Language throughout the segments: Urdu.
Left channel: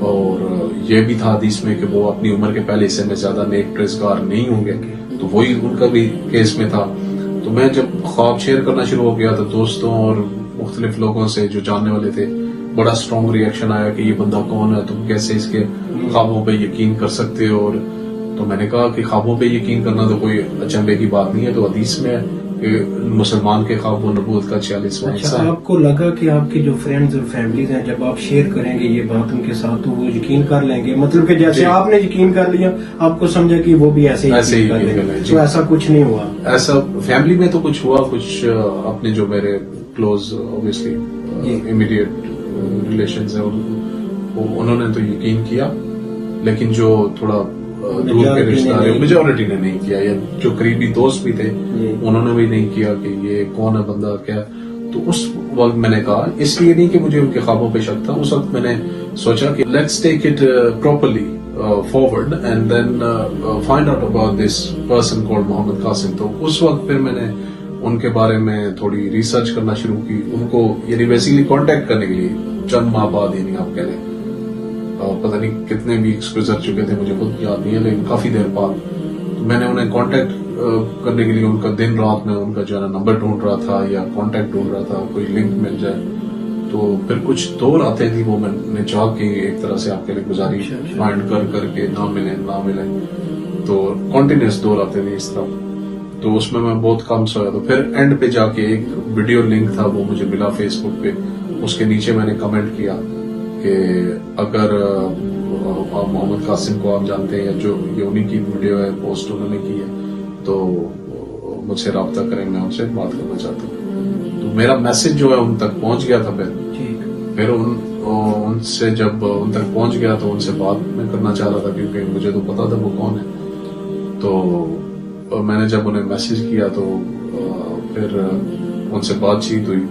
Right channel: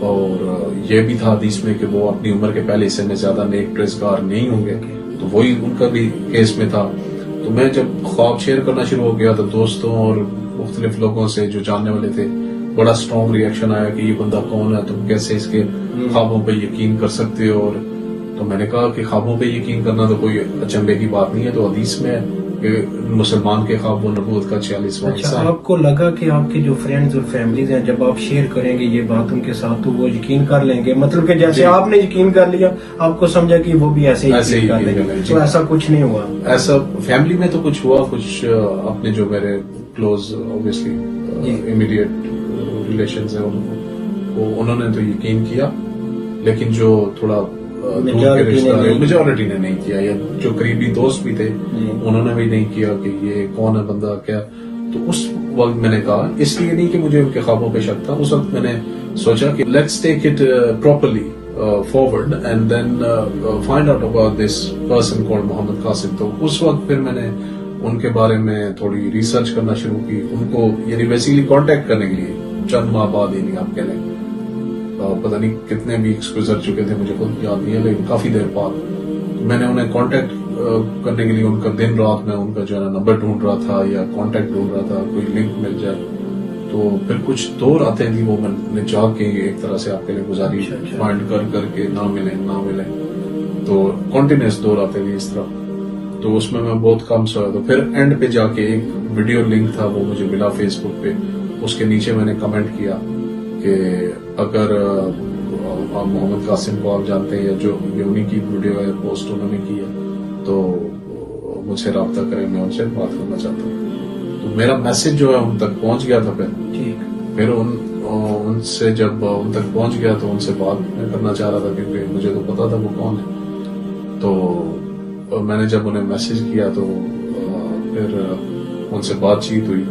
اور یہ بھی تھا حدیث میں کہ وہ اپنی عمر کے پہلے حصے میں زیادہ نیک پرہیزگار نہیں ہوں گے، تو وہی ان کا بھی کیس میں تھا. تو میں جب خواب شیئر کرنا شروع ہو گیا تو دوستوں اور مختلف لوگوں سے جو جاننے والے تھے بڑا اسٹرانگ ریئیکشن آیا کہ یہ بندہ کون ہے، تم کیسے اس کے خوابوں پہ یقین کر سکتے ہو. اور تو میں نے کہا کہ خوابوں پہ یقین کرنا تو کوئی اچنبے کی بات نہیں ہے، تو حدیث میں ہے کہ مسلمان کے خواب و نبوت کا 46واں حصہ ہے. آپ کو لگا کہ آپ کے جو فرینڈز اور فیملیز ہیں جب آپ شیئر کریں گے یہ بات ان کے ساتھ تو وہ یقین کر لیں گے، مطلب کہ جیسے آپ نے یقین کر لیا آپ کو سمجھا کہ وہ بھی ایسے ہی کر لیں گے، تو ایسا کچھ نہیں ہوا؟ ایسا فیملی میں تو کچھ ہوا، کچھ اپنے جو میرے کلوز اوبیسلی امیڈیٹ ریلیشنز ہیں انہوں نے تو یقین کیا، لیکن جو تھوڑا میجورٹی نے نہیں کیا، یا جو قریبی دوست بھی تھے انہوں نے بھی نہیں کیا کہ یہ کون ہے بندہ کیا. تو اس وقت میں نے کہا، اس لیے نہیں کہ مجھے ان کے خوابوں پہ شک تھا، اس وقت میں نے سوچا کہ let's take it properly forward and then find out about this person called Muhammad Qasim. تو اس وقت پھر میں نے ان کے بارے میں تھوڑی ریسرچ کرنا شروع کی، ان کو یعنی بیسیکلی کانٹیکٹ کرنے کے لیے چند ماہ بعد، یعنی آپ کہہ لیں پتہ نہیں کتنے ویکس گزر چکے تھے مجھے خود یاد نہیں ہے، لیکن کافی دیر بعد میں نے انہیں کانٹیکٹ کرنے کے لیے ان کا دن رات میں ان کا جو ہے نمبر ڈھونڈ رہا تھا یا کانٹیکٹ ڈھونڈ رہا تھا، کوئی لنک مل جائے. تو پھر کچھ دور آتے تھی وہ میں نے جا کے ایک طرح سے آپ کے لیے گزاری فائنڈ کر کے نہ ملے تو کنٹینیوس دور آتے تھے اس طرح. تو اس میں بہت کم سویا. تو پھر اینڈ پہ جا کے ایک ویڈیو لنک تھا وہ مجھے ملا فیس بک پہ، اس کے نیچے میں نے کمنٹ کیا کہ اگر محمد قاسم کو آپ جانتے ہیں یا جو یہ انہیں کی ویڈیو ہے پوسٹ انہوں نے کی ہے تو مجھ سے رابطہ کریں، میں ان سے بات کرنا چاہتا ہوں. تو میرا میسج جو ہے ان تک پہنچ گیا تھا. پھر ان سے جب ان تک پہنچ گیا تو ان سے بات میں کرنا چاہ رہا تھا کیونکہ مجھے تو پتا تھا وہ کون ہے. تو میں نے جب انہیں میسج کیا تو پھر ان سے بات چیت ہوئی.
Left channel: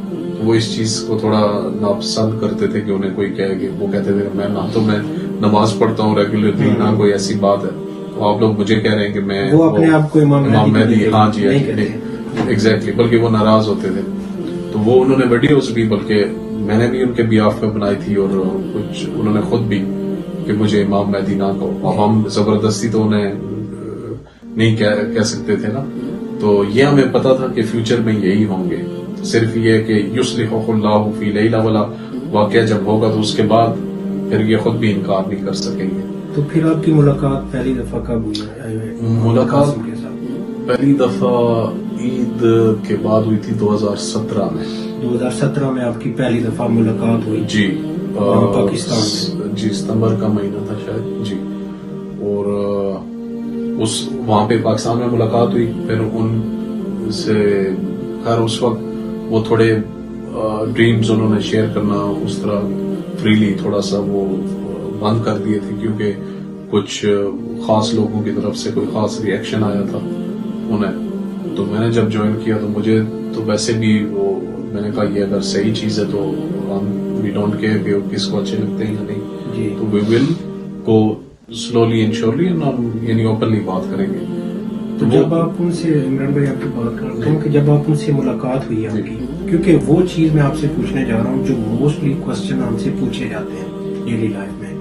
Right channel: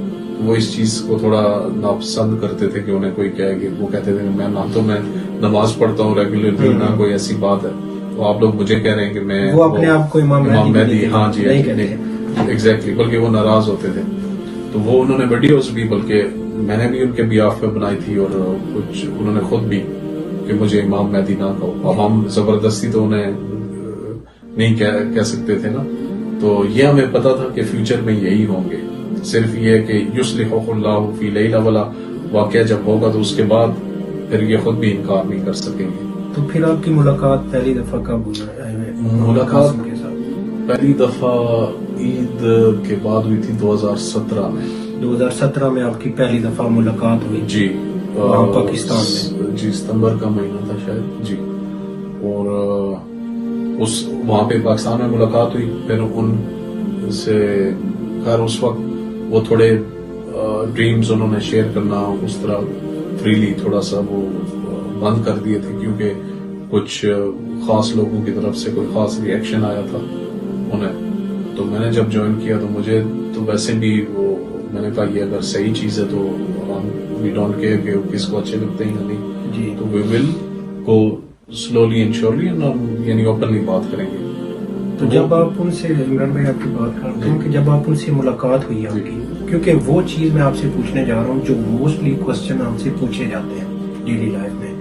وہ اس چیز کو تھوڑا ناپسند کرتے تھے کہ انہیں کوئی کہے کہ وہ کہتے تھے کہ میں نماز پڑھتا ہوں ریگولرلی، نہ کوئی ایسی بات ہے. تو آپ لوگ مجھے کہہ رہے ہیں کہ میں وہ اپنے آپ کو امام مہدی، ہاں جی ایگزیکٹلی، بلکہ وہ ناراض ہوتے تھے. تو وہ انہوں نے ویڈیوز بھی، بلکہ میں نے بھی ان کے بیاف پہ بنائی تھی اور کچھ انہوں نے خود بھی کہ مجھے امام مہدی نہ کہو. اب ہم زبردستی تو انہیں نہیں کہہ سکتے تھے نا. تو یہ ہمیں پتا تھا کہ فیوچر میں یہی ہوں گے. صرف یہ کہ یصلح اللہ فی لیلہ ولا واقعہ جب ہوگا تو اس کے بعد پھر یہ خود بھی انکار نہیں کر سکیں گے. تو پھر آپ کی ملاقات پہلی دفعہ کب ہوئی؟ ملاقات پہلی دفعہ عید کے بعد ہوئی تھی 2017 میں. 2017 میں آپ کی پہلی دفعہ ملاقات ہوئی؟ جی پاکستان میں. جی ستمبر کا مہینہ تھا شاید. جی اور وہاں پہ پاکستان میں ملاقات ہوئی. پھر ان سے خیر اس وقت وہ تھوڑے ڈریمز انہوں نے شیئر کرنا اس طرح فریلی تھوڑا سا وہ بند کر دیے تھے کیونکہ کچھ خاص لوگوں کی طرف سے کوئی خاص ریئیکشن آیا تھا انہیں. تو میں نے جب جوائن کیا تو مجھے تو ویسے بھی وہ میں نے کہا یہ اگر صحیح چیز ہے تو وی ڈونٹ کیئر کہ کس کو اچھے لگتے ہیں یا نہیں. تو وی ول گو سلولی اینڈ شیورلی، یعنی اوپنلی بات کریں گے. تو جب آپ ان سے عمران بھائی آپ کی بات کرتا ہوں کہ جب آپ ان سے ملاقات ہوئی آپ کی، کیونکہ وہ چیز میں آپ سے پوچھنے جا رہا ہوں جو موسٹلی کوسچن ہم سے پوچھے جاتے ہیں ڈیلی لائف میں.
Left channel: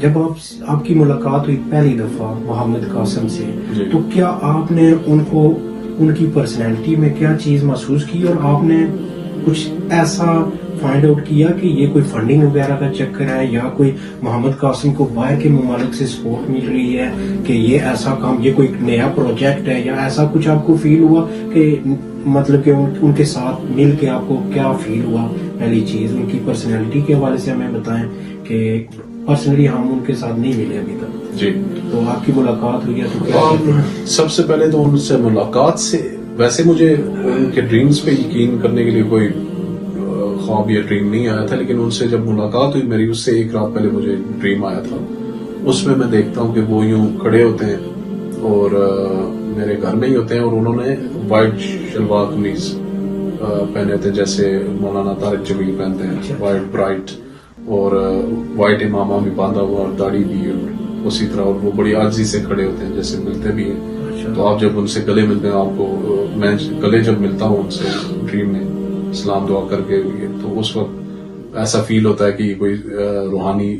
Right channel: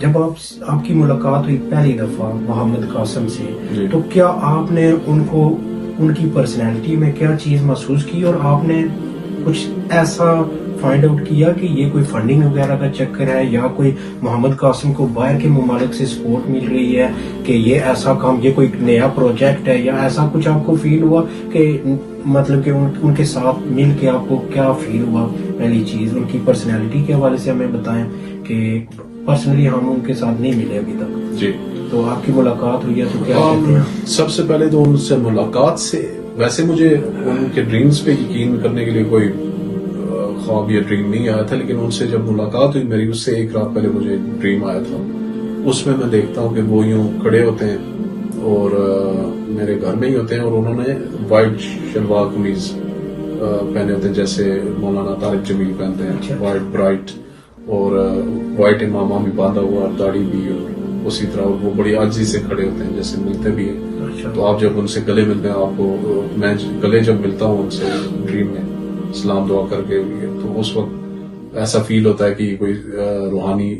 جب آپ کی ملاقات ہوئی پہلی دفعہ محمد قاسم سے تو کیا آپ نے ان کی پرسنالٹی میں کیا چیز محسوس کی اور آپ نے کچھ ایسا فائنڈ آؤٹ کیا کہ یہ کوئی فنڈنگ وغیرہ کا چکر ہے یا کوئی محمد قاسم کو باہر کے ممالک سے سپورٹ مل رہی ہے کہ یہ ایسا کام، یہ کوئی نیا پروجیکٹ ہے، یا ایسا کچھ آپ کو فیل ہوا کہ مطلب کہ ان کے ساتھ مل کے آپ کو کیا فیل ہوا؟ پہلی چیز ان کی پرسنالٹی کے حوالے سے ہمیں بتائیں کہ پرسنلی ہم ان کے ساتھ نہیں ملے ابھی تک. جی تو آپ کی ملاقات ہوئی ہے تو کیا کہتے ہیں؟ سب سے پہلے تو ان سے ملاقات سے ویسے مجھے ان کے ڈریمز پہ یقین کرنے کے لیے کوئی خواب یا ڈریم نہیں آیا تھا، لیکن ان سے جب ملاقات ہوئی میری اس سے ایک رات پہلے مجھے ڈریم آیا تھا. اس میں دیکھتا ہوں کہ وہ یوں کھڑے ہوتے ہیں اور میرے گھر میں ہی ہوتے ہیں اور انہوں نے وائٹ شلوار قمیض پہنے ہوتے ہیں جیسے مولانا طارق جمیل پہنتے ہیں، وائٹ برائٹ، اور وائٹ امامہ بھی باندھا ہوا اور داڑھی بھی، اور اسی طرح وہ بڑی عاجزی سے کھڑے ہوتے ہیں جیسے ملتے بھی ہیں. تو آپ جب ان سے گلے ملتے ہیں، آپ کو میں گلے جب ملتا ہوں ان سے ڈریم میں سلام دعا کر کے، تو اس وقت ایسا فیل ہوتا ہے کہ کوئی روحانی